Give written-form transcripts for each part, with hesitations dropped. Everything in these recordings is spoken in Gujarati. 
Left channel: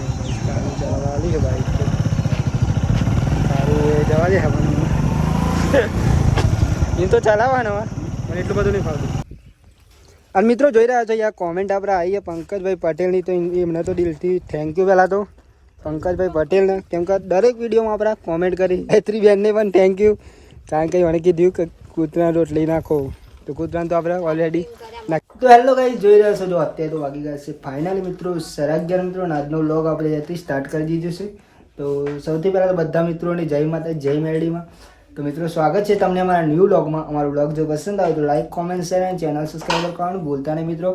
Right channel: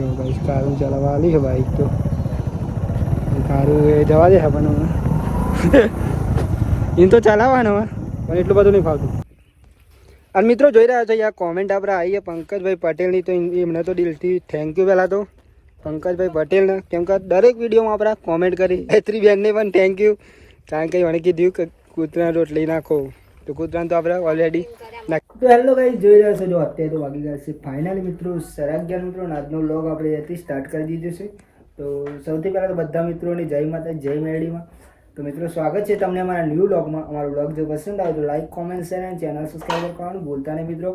જો ભાઈ કારું ચલાવવા આવી છે બાઈક તો કારું જવા દે છે પણ એ તો ચલાવવાનો પણ એટલું બધું નહીં ફાવતું. અને મિત્રો જોઈ રહ્યા છો યાર કોમેન્ટ આપણે આવીએ પંકજભાઈ પટેલની તો એમને તો દિલથી થેન્ક યુ પહેલાં તો પંકજભાઈ પટેલને, કેમ કે દરેક વિડીયોમાં આપણે કોમેન્ટ કરી. ગાયત્રી બેનને પણ થેન્ક યુ, કારણ કે મને કીધું કે કૂતરા રોટલી નાખો તો કૂતરાને તો આપણે ઓલરેડી નાખ. તો હેલો ગાઈસ, જોઈ રહ્યા છો જો અત્યારે તો વાગી ગયા છે ફાઇનલી મિત્રો 11:30 મિત્રો. આજનો વ્લોગ આપણે અહીંયાથી સ્ટાર્ટ કરી દીધો છે. તો સૌથી પહેલાં તો બધા મિત્રોની જય માતા જય મેરડીમાં. તો મિત્રો સ્વાગત છે તમને અમારા ન્યૂ વ્લોગમાં. અમારો વ્લોગ જો પસંદ આવે તો લાઈક કોમેન્ટ શેર અને ચેનલ સબસ્ક્રાઈબ કરવાનું ભૂલતા નહીં મિત્રો.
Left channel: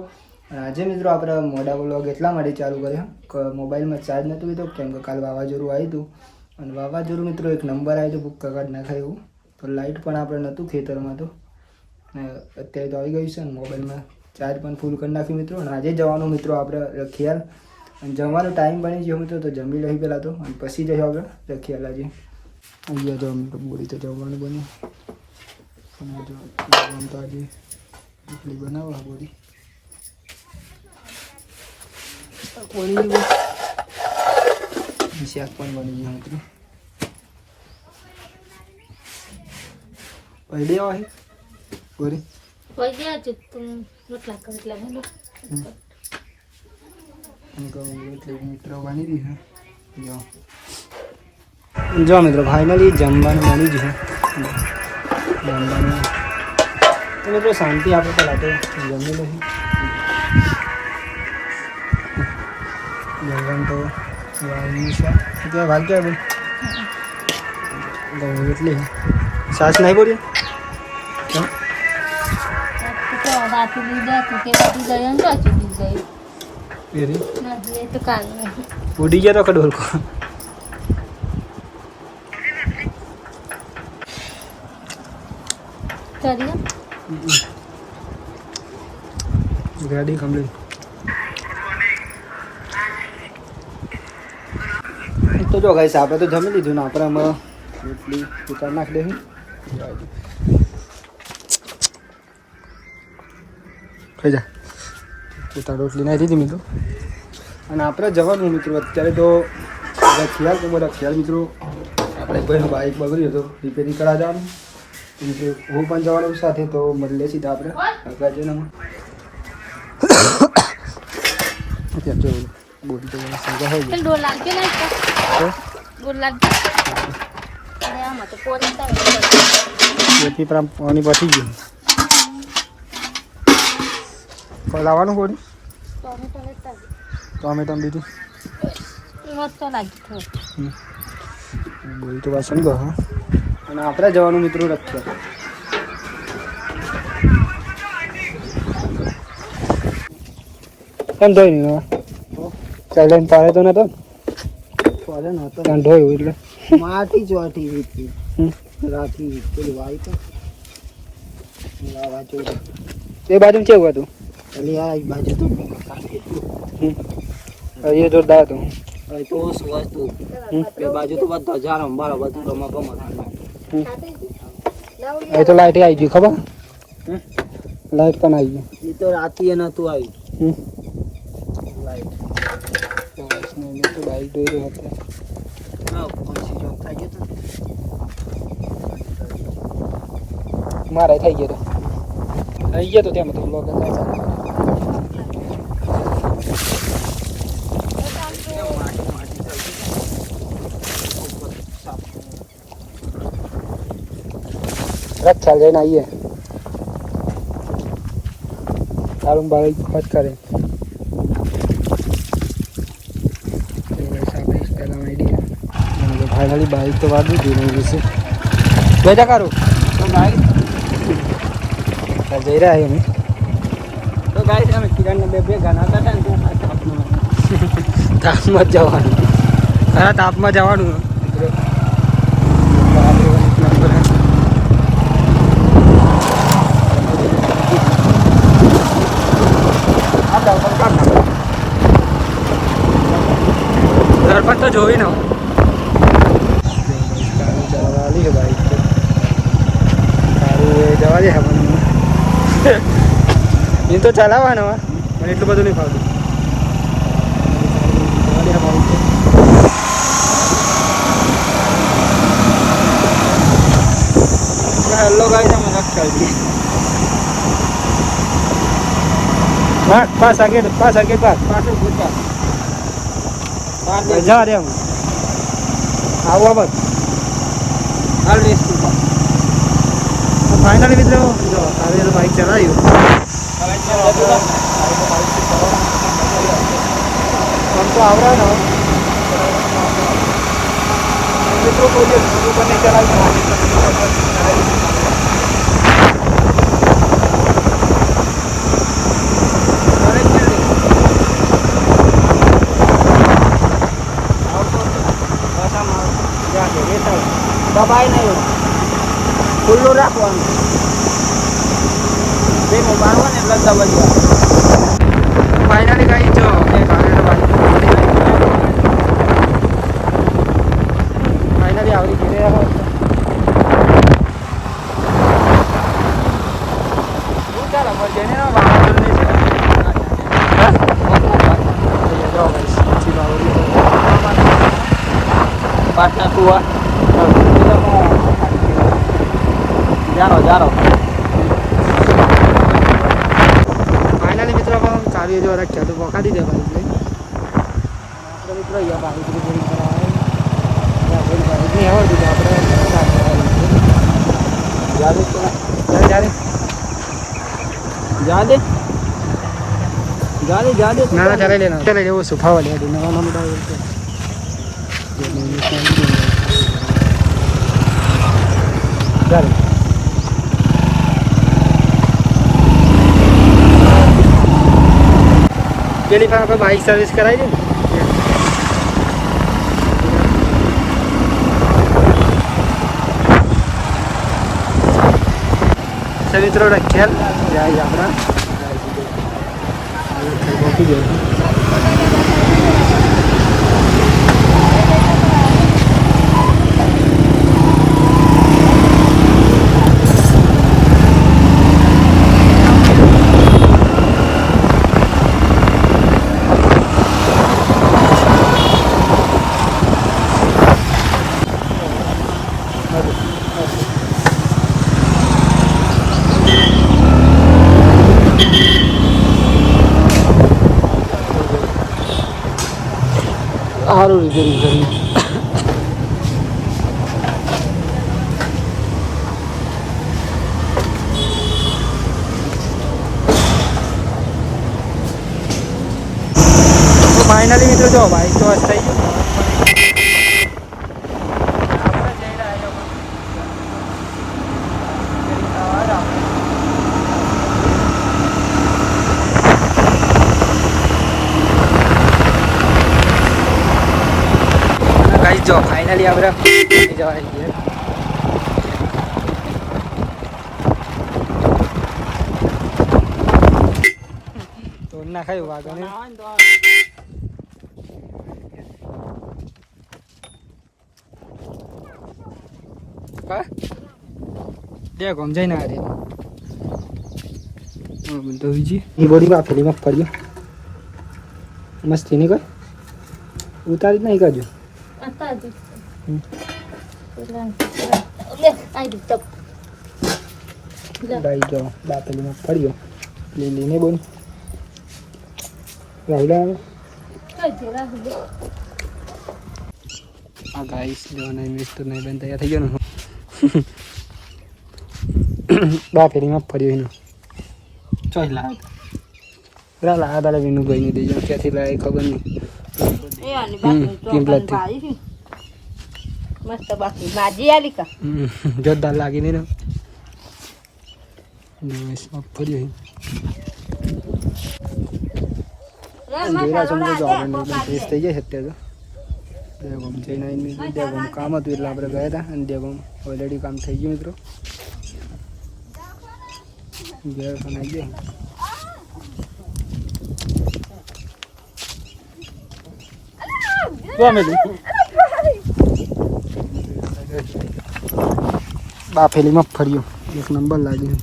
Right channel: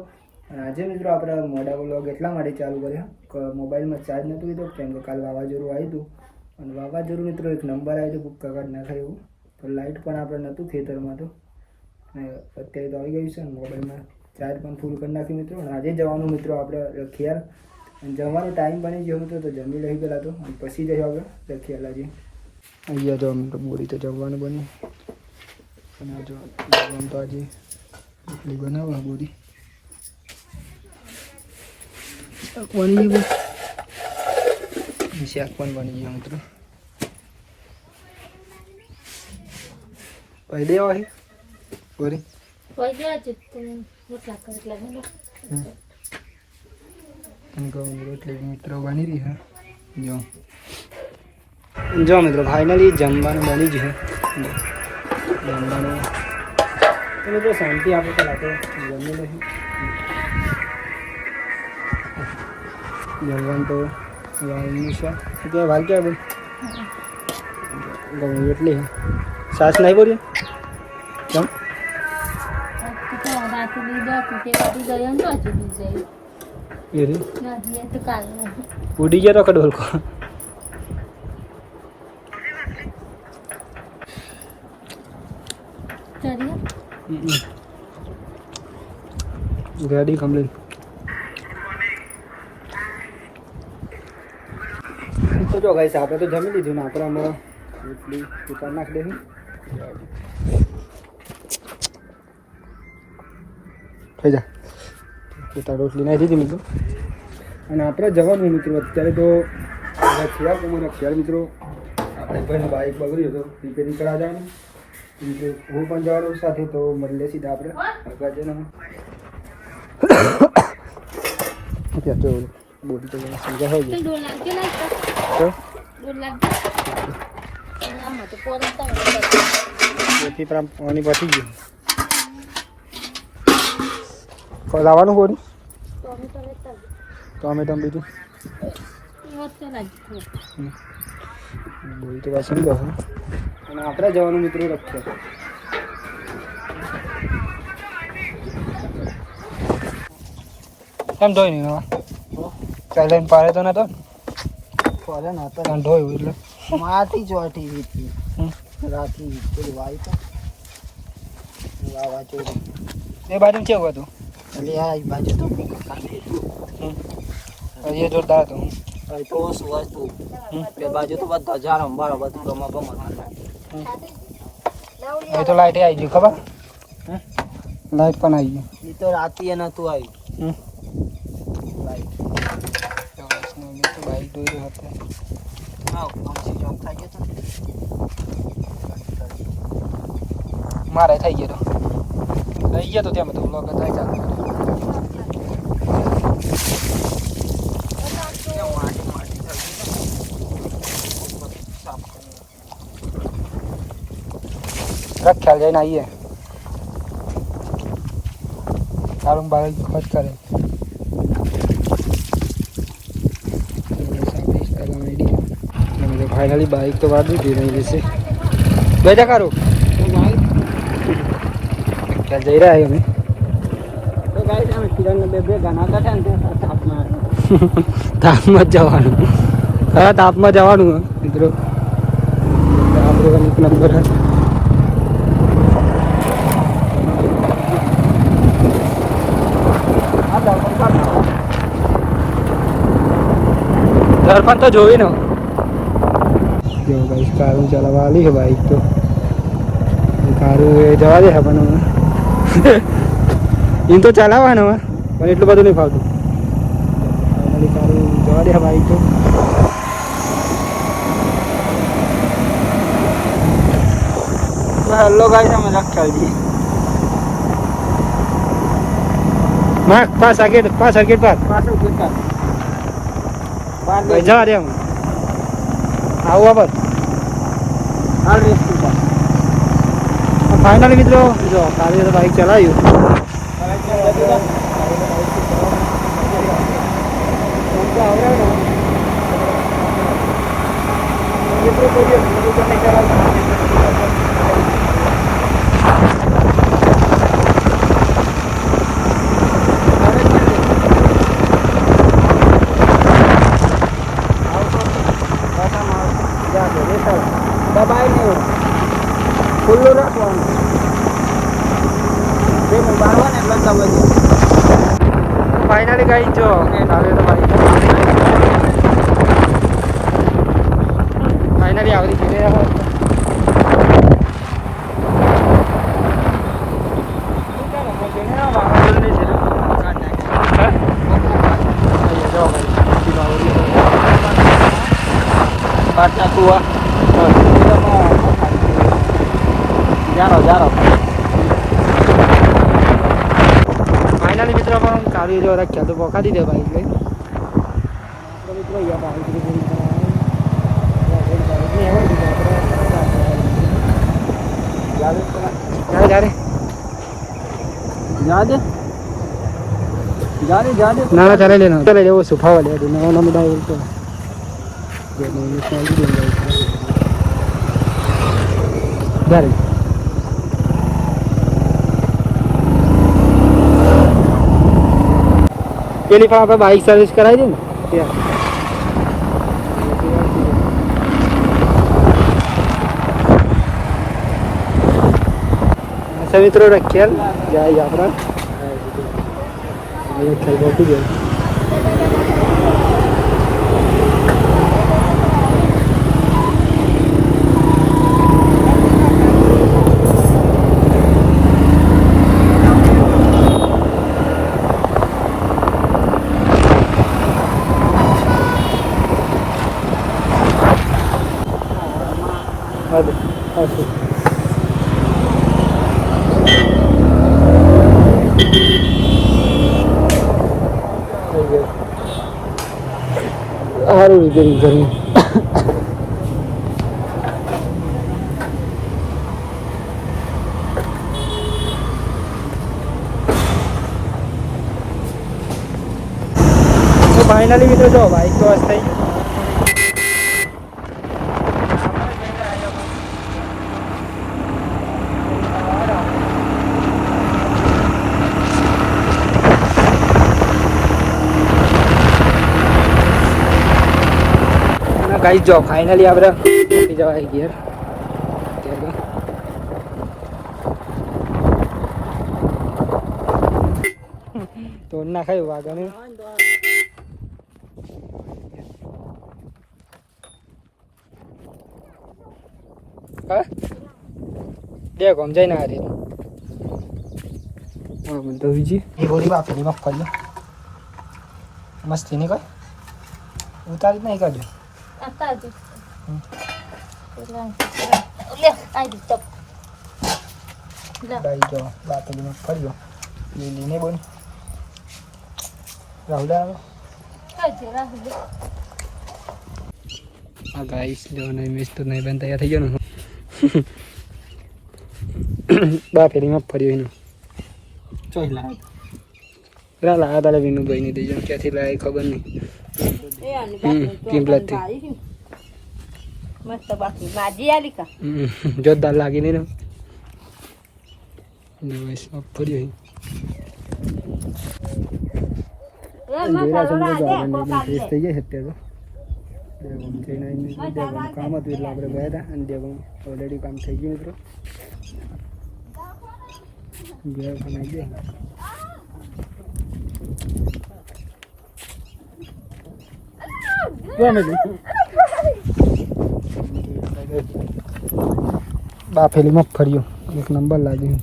અને આજે મિત્રો આપણે મોડા વ્લોગ એટલા માટે ચાલુ કર્યા કે મોબાઈલમાં ચાર્જ નહોતું લીધો, કેમ કે કાલ વાવાઝોડું આવ્યું હતું. અને વાવાઝોડું મિત્રો એક નંબર આવ્યો હતો બુક કાઢ નાખાય એવું. તો લાઇટ પણ આપણે નહોતું ખેતરમાં, તો અત્યારે તો આવી ગયું છે. અને મોબાઈલમાં ચાર્જ પણ ફૂલ કરી નાખ્યું મિત્રો. અને આજે જવાનું મિત્રો આપણે રખિયાલ. અને જમવાનો ટાઈમ બની ગયો મિત્રો, તો જમી લઈ પહેલાં તો અને પછી જઈએ આપણે રખિયાલ. આજે અહીંયા જો મિત્રો બોરી તો જમવાનું બન્યું. અને જો જમવાનું તો આજે રોટલી બનાવવા બોરી બની ગયું, શાક પણ બની ગયું મિત્રો. પડી દેવા છે બોરી રોટલી મિત્રો બની રહી છે. જો મિત્રો ફાઇનલી જમવાનું બની ગયું છે. જમવાનું મિત્રો શાંતિ આપે પહેલાં તો જમી લઈએ. જમવાનું તો વાલનું શાક અત્યારે વાલ ક્યાં બોલ ગમે એટલી સાસ નહીં બોલીએ કેમ ઉડી ગયા તો કડોલ કો ગાડી કમ્પ્લીટ. તો જો ગાઈસ આપણે તો જમી લીધું ને આપણે આમાં રોટલી ઉતાર નાખી દઈશું. થઈ જા ઉતાર રોટલી નાખી દીધી મિત્રો. અને આપણે જવાનું મિત્રો અત્યારે તો રખિયાલ તો બધા ખ્યાલ મિત્રો. આપણે ભાઈનું બાઇક બગડ્યું તો રિપેરિંગ કરાવવા જવાનું મિત્રો. હું પણ જવાનું સાથે, તો મળીએ સીધા આપણે આગળ જઈને. અત્યારે જો બોલી તો સમજા હોય જેથી પાણી પતી ગયું. લાવવાનું બોરી ટોમેટો બીજું બોરી તો પાછું બહુ. અને આપણે જવાનું મિત્રો રખ્યા. કેમ ધોઈ નહીં કઈ લઈને પાડે તો નતો ધોયું એટલે માટી ચોટી રાખી એ બાજુ કેવું હતું બાજુ તો એ જોરદાર હતું. બાજુ તો બધા જાણો બરાબર એ તો લાઈટ આવી ગયું ખબર, લાઈટ પણ આવી ગયું. એ તો રાતે નતું આવ્યું બાઈક દોઈ રહ્યો હતો. મારે થઈ ગયો તો ત્યાં તો બ્લોગ થાય ચાલે. રખ્યાલ જઈને આવીએ. સારું બાઈક ફટ કરે ફાઇનલી બાઈક તો વાળી દીધી નહીં વિશે બેજા કારો જઈ રહ્યા અમે તો ગાઈસ. અમે કિરણને બે ગાના હતા ને તાપમાં જવાનું. ખરા તાપમાં જવાનું મિત્રો. નંબર ઘર પર તો જોઈ ને જો ભાઈ કારું ચલાવવા આવી છે બાઈક તો કારું જવા દે પણ એમ તો ચલાવવાનું પણ એટલું બધું નહીં ફાવતું. જવા દે બાઈક છે હલ્લો ગાઈસ અમે લખતા હતી પાછા ગેટ પર પાછો ગુતા જા રે આવો બાપ હાલ રેસ તું ફાઇનલી મિત્રો જો કાલે બાઈક ચલાવી हमको आवरा ना पेट्रोल को ये शुरू करने चलाई दबाई नहीं हो खुल्लो રાખવાનું બેનો બાવા ને લગતા વજો ફાઇનલી ગાઈસ જો કાલે તો બાઈક ફાઇનલી આવડી ગઈ હું ચાલો પર જઈને બાવા નહીં છે હા જો છી બાવડી પાટા તુઆ જારો ફાઇનલી મિત્રો પણ કાવ્ય જો રાખ્યા તો પકા દીધે બાઈક લઈ મિત્રો યા બાઈક નહીં આવડતું તો આપણે જાદે ના ચાલે લેનો ચાલે એવો સુફાવા લે નવા નવા ડાવલ તો જે નહીં સાંજી દે પેલી ફાર આપણે બાઇક સર્વિસ કરાવી દે ને મિત્રો રખેલ જાય આપણા પહોંચી જાય સારું રિપેરિંગ કરી તો ફાઇનલી મિત્રો જો બાઈક તો થઈ ગયું गाइस जो फाइनली આપણે જવાય ગઈ તો ના ખાયું વાગને હા દે કોમ જઈને આ રે હા મને તો વિજી ઈ બોડી માં ફેલી માં પડ્યો મસ્તી ની કોઈ ઉતારી જ નહીં કરજો ભાઈ જો બાપલીમાં ફર્યો લીલીને બોલ રાહુલા આ ગાઈસ જો નહીં મિસ તો નહીં બન તૈયાર થઈ ગયો ને બાપલીમાં ફર્યો એનો ચોઈ લા દાડા વિનું ગઈ નહીં દઈ જાઉં ક્યાંથી લાય ખબર નહીં મસ્ત બાકી ભાજી આલી કા જોરદાર લાગી ને દિવસ ફર્યો થઈ જાય અત્યારે તો દેગમ જઈને દેગમ કામ હતું એટલે આપણે ગયા હતા અને દેગમ ઓલરેડી કામ થઈ ગયું મિત્રો ઘેર ખાઈ ગયા બાફેલીમાં ફર્યો એક નંબર લાગ્યો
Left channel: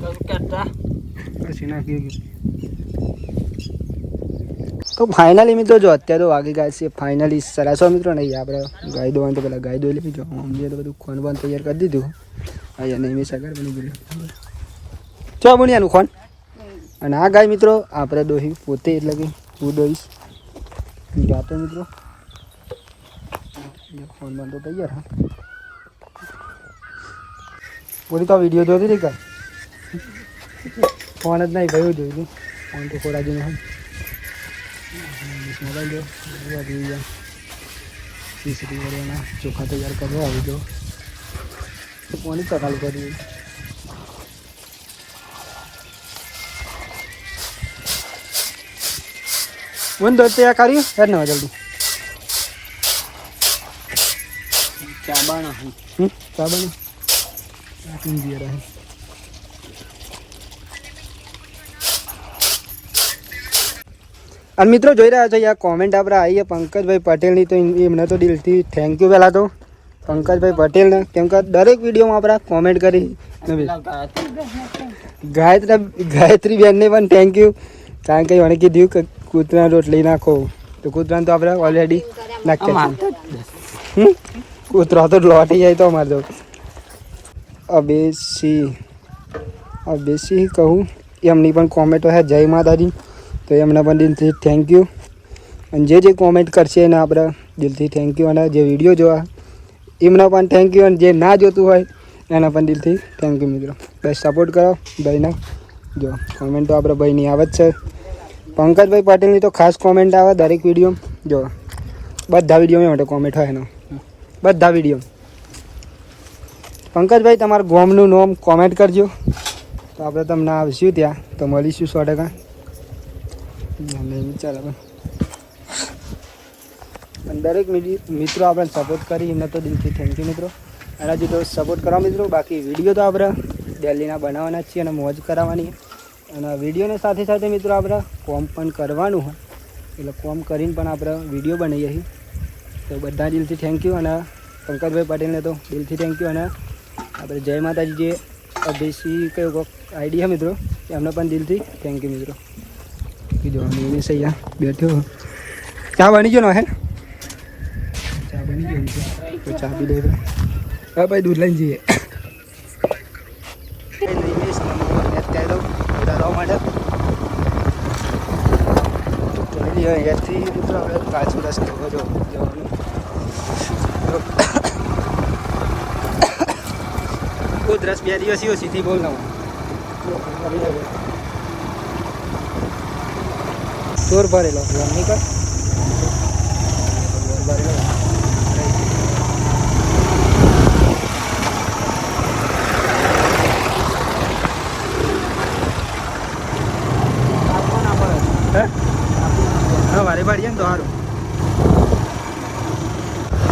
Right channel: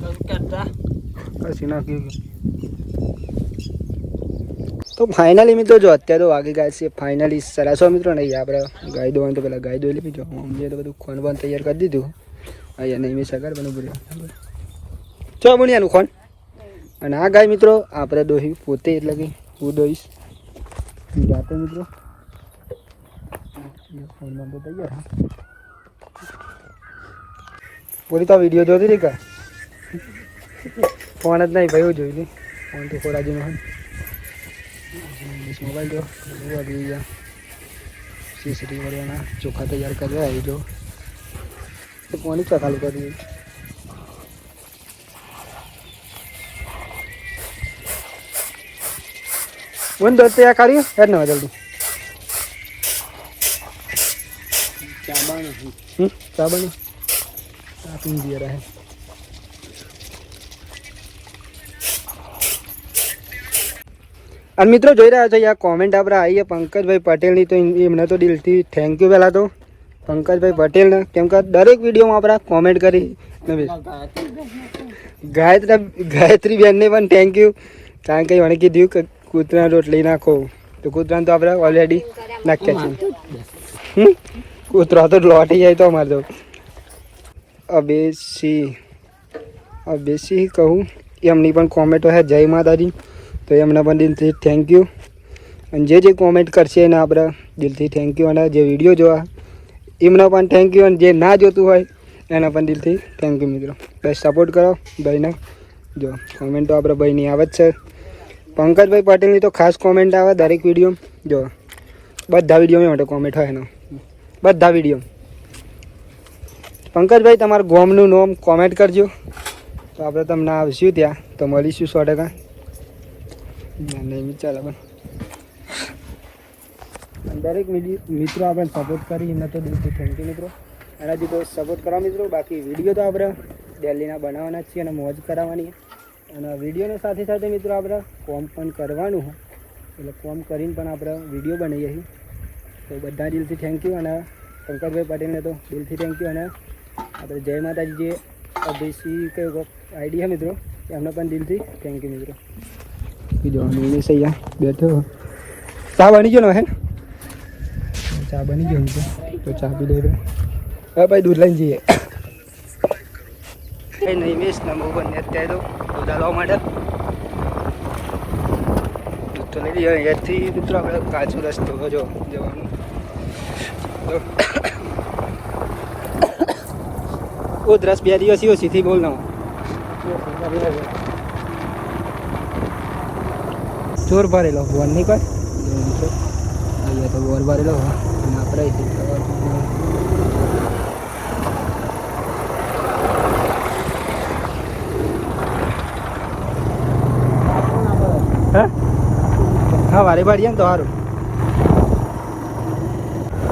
પછી નાખ્યું તો ફાઇનલી મિત્રો જો અત્યારે તો વાગી ગયા છે ફાઇનલી સરાસો મિત્રો નહીં આપણે ગાય દોવાનું તો પેલા ગાય દોઈ લીધી જો મમ્મીએ તો બધું ખોન બોન તૈયાર કરી દીધું અહીંયા નહીં મેં સગાર બની ગયું ચો બુનિયાનું ખોન અને આ ગાય મિત્રો આપણે દોહી પોતે એટલે કે હું દોઈશ જાતે મિત્રો ફોન બોન તો તૈયાર હા પૂરી તો વિડીયો જોતી રહી કા ફોન જ નહીં ભાઈ હું જોઈ હતી ફોન તો ખોરાજીનો હોય મોબાઈલ જો આવી ગયા ખીચડી વળવાના ચોખા તૈયાર કરવા આવી જો તો કોની ચકાલું કરી ಒಂದು ತಯಾರು કરી હેડ ના જલ્દી ચાબાના ચાબાના પીંજી રહે અને મિત્રો જોઈ રહ્યા છો આ કોમેન્ટ આપણે આવી પંકજભાઈ પટેલની તો એમને તો દિલથી થેન્ક યુ પહેલાં તો પંકજભાઈ પટેલને કેમ કે દરેક વિડીયોમાં આપણે કોમેન્ટ કરી ગાયત્રી બેનને પણ થેન્ક યુ કારણ કે મને કીધું કે કૂતરા રોટલી નાખો તો કૂતરાને તો આપણે ઓલરેડી નાખ્યા છીએ કૂતરા તો લોટી જાય તો અમારે તો અબેસી કહું એમની પણ કોમેન્ટો છે જય માતાજી તો એમને પણ દિલથી થેન્ક યુ અને જે કોમેન્ટ કરશે એને આપણે દિલથી થેન્ક યુ અને જે વિડીયો જોવા એમને પણ થેન્ક યુ અને જે ના જોતું હોય એના પણ દિલથી થેન્ક યુ મિત્રો બસ સપોર્ટ કરો ભાઈને જો કોમેન્ટ તો આપણે ભાઈની આવે જ છે પંકજભાઈ પટેલની તો ખાસ કોમેન્ટ આવે દરેક વિડીયો જો બધા વિડીયોમાં માટે કોમેન્ટ હોય એનો બધા વિડીયો પંકજભાઈ તમારા ગોમનું નામ કોમેન્ટ કરજો તો આપણે તમને આવશું ત્યાં તો મળીશું 100%. નહીં ચાલે પણ દરેક મિત્રો આપણે સપોર્ટ કરી એમને તો દિલથી થેન્ક યુ મિત્રો એના જે તો સપોર્ટ કરવા મિત્રો બાકી વિડીયો તો આપણે દિલ્હીના બનાવવાના જ છીએ અને મોજ કરાવવાની અને વિડીયોની સાથે સાથે મિત્રો આપણે કોમ પણ કરવાનું હોય એટલે કોમ કરીને પણ આપણે વિડીયો બનાવીએ છીએ તો બધા દિલથી થેન્ક યુ અને પંકજભાઈ પટેલને તો દિલથી થેન્ક યુ અને આપણે જય માતાજી જે અભિષી કયો આઈડી છે મિત્રો એમને પણ દિલથી થેન્ક યુ મિત્રો કીધું મેં સૈયા બેઠો ચા બની ગયો હે ચા બની ગયો તો ચા પી લે હા ભાઈ દૂધ લઈને જઈએ નહીં મિસ નમો બંને અત્યારે તો દૂધ લાવવા માટે દૂધ તો લઈ લઈએ અહીંયાથી મિત્રો આપણે કાચો રસ્તો જો જવાનું તો દસ 2 દિવસ સીધી બોલ ના ચોર ભરેલો નહીં કહો બોર ભરેલો હા વારે ભરીએ ને તો સારું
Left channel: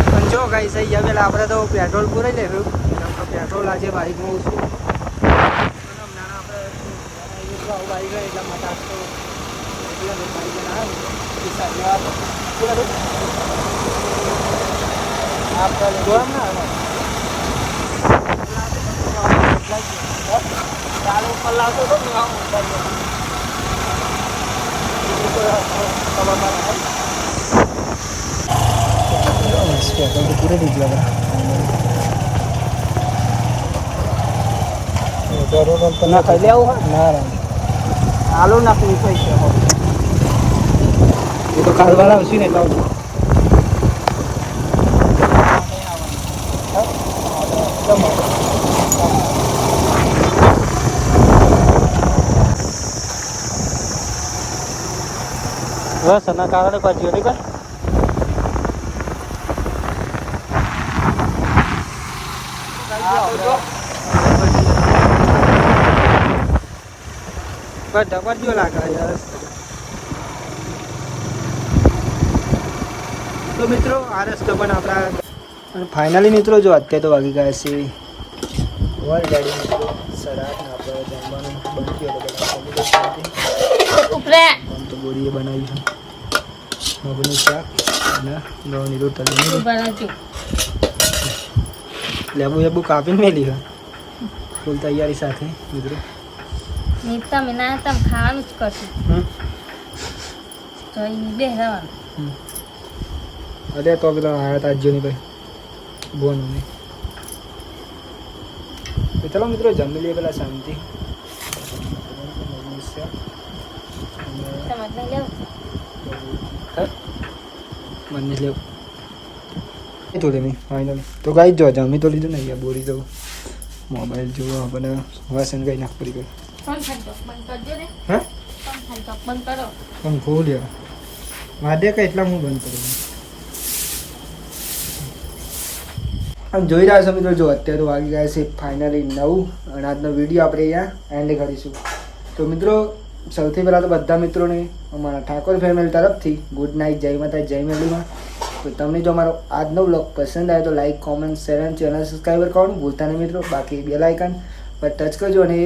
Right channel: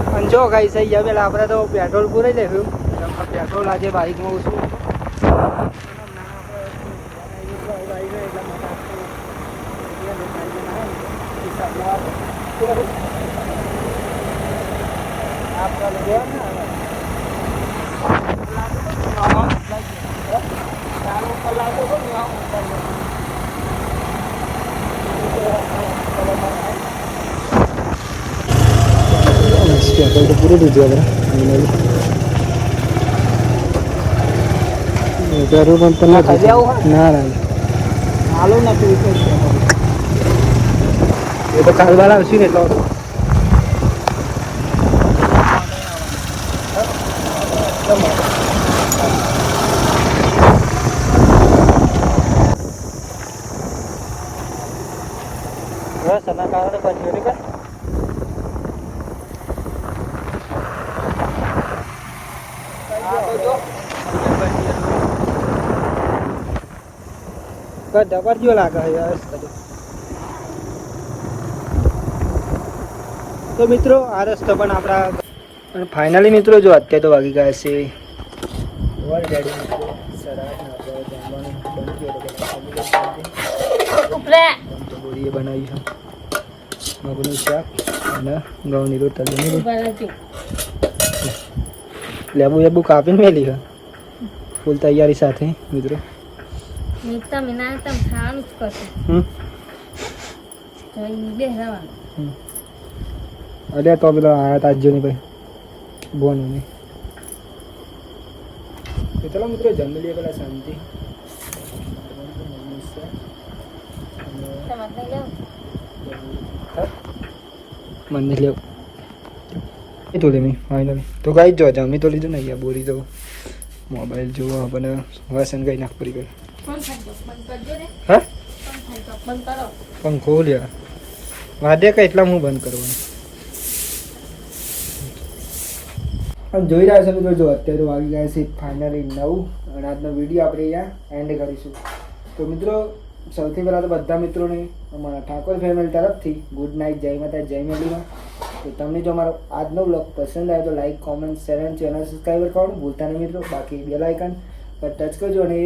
પણ જો ગાઈ સહી ગયા પેલા આપણે તો પેટ્રોલ પૂરાઈ લેવું પેટ્રોલ આજે બાઇકમાં ઓછું એટલા માટે પૂરું દીધું આપણે પેટ્રોલ પંપ પર નથી ના હાલો ના એ તો કાલવાળા આવશું ને એટલો બસ એના કારણે પછી જોડે કર બધા પરજીઓ લાગે તો મિત્રો આ રસ્તો પણ આપણા ફાઇનલી મિત્રો જો અત્યારે તો વાગી ગયા છે ગાડી મિત્રો સરાટ ને આપણે જમવાનું બની ગયો બોરીએ બનાવી છે મગનું શાક અને ઘઉંની રોટલી લેબુ કાપીને મેલી છે ફૂલ તૈયારી સાથે મિત્રો ને તમે ના તમે ખાવાનું જ કરશું હમ તો એ બે રહેવાનું અરે તો પેલો આયા તા અજ્જુની ભાઈ બોનું નહીં તો ચલો મિત્રો જમી લઈએ પેલા શાંતિ તમે નહીં લેવું મને લેવ એ તો લેમી ફાઇનલ તો ગાઈ જો જમી તો લીધું ને અહીંયા બોરી તો મોબાઈલ જોવા આપણને વાસણ ગઈ નાખ પડી ગઈ ફોન ખાતો બંધ કરજો ને હા ફોન ખાતો બંધ કરો પણ ખોલ યાર વાદે કે એટલા હું બંધ કરવાનું આમ જોઈ રહ્યા છો મિત્રો જો અત્યારે તો વાગી ગયા છે ફાઇનલી 9 અને આજનો વિડીયો આપણે અહીંયા એન્ડ કરીશું તો મિત્રો સૌથી પહેલાં તો બધા મિત્રોને અમારા ઠાકોર ફેમિલી તરફથી ગુડ નાઇટ જય માતા જય મેલીમાં તો તમને જો અમારો આજનો બ્લોગ પસંદ આવે તો લાઈક કોમેન્ટ શેર અને ચેનલ સબસ્ક્રાઈબર કરવાનું ભૂલતા નહીં મિત્રો બાકી બેલ આઇકન પર ટચ કરજો અને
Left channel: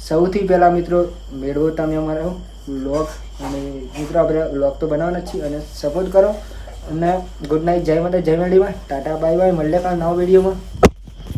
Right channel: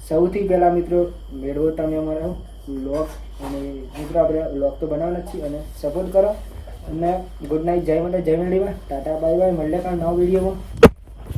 સૌથી પહેલાં મિત્રો મેળવો તમે અમારો બ્લોગ અને મિત્રો આપણે બ્લોગ તો બનાવવાના જ છીએ અને સપોર્ટ કરો અને ગુડ નાઇટ જય માતા જય મેલીમાં ટાટા બાય બાય મળીએ કાલ નવા વિડીયોમાં